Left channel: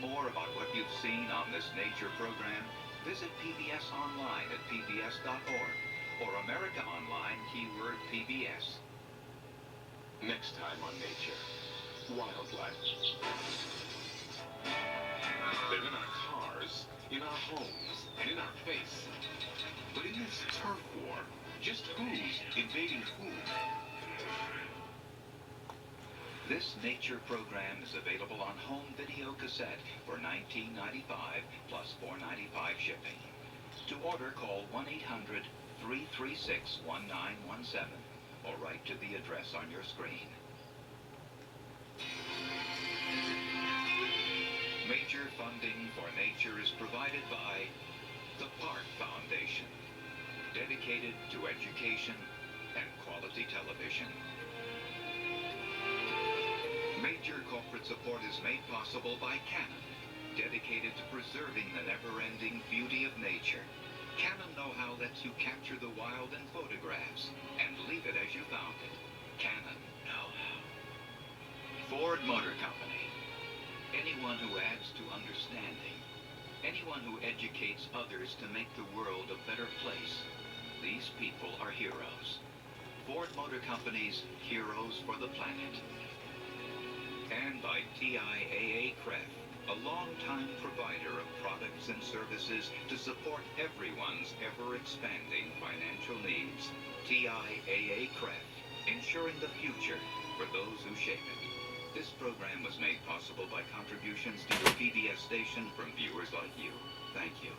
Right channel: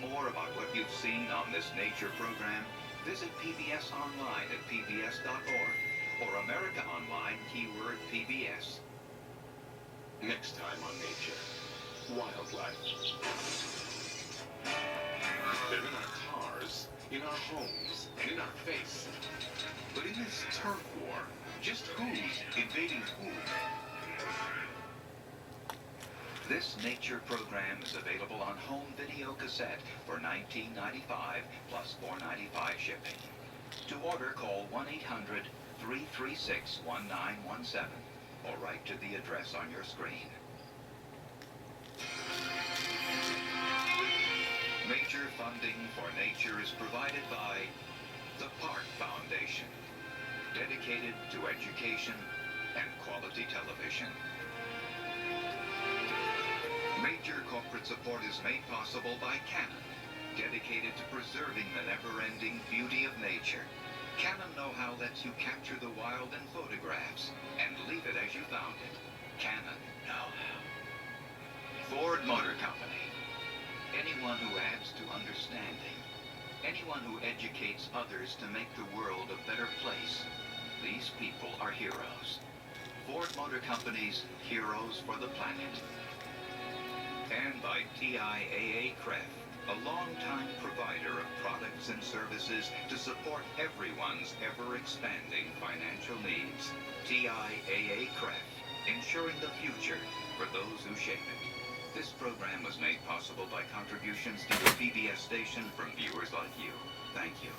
more about what you've seen on this nature program, visit PBS online at pbs.org or America Online keyword PBS. Next time on Nature, wildlife. They're in our cars, in our homes, and in our face. But in this turf war, just who's invading who? This nature program is available on home video cassette for $19.95 plus $4.95 shipping. To order, call 1-800-336-1917 or write to the address on your screen. Major funding for nature is provided by the Park Foundation, dedicated to education and quality television. Major corporate support is made possible by Canon, dedicated to preserving the never-ending beauty of nature. Canon know-how lets you capture the wild in photographs and leave it as you found it. Canon know-how. Ford Motor Company. Anyone who adds to understanding. Anyone who educates others to make the world a better place. These people are heroes. Ford Motor Company's Heroes for the Planet. And by TIAA-CREF, a long-time provider of products and services to support everyone's ever-expanding financial needs. TIAA-CREF, ensuring the future for those who shape it. This program was made possible by contributions to your PBS station from viewers like you. Thank you.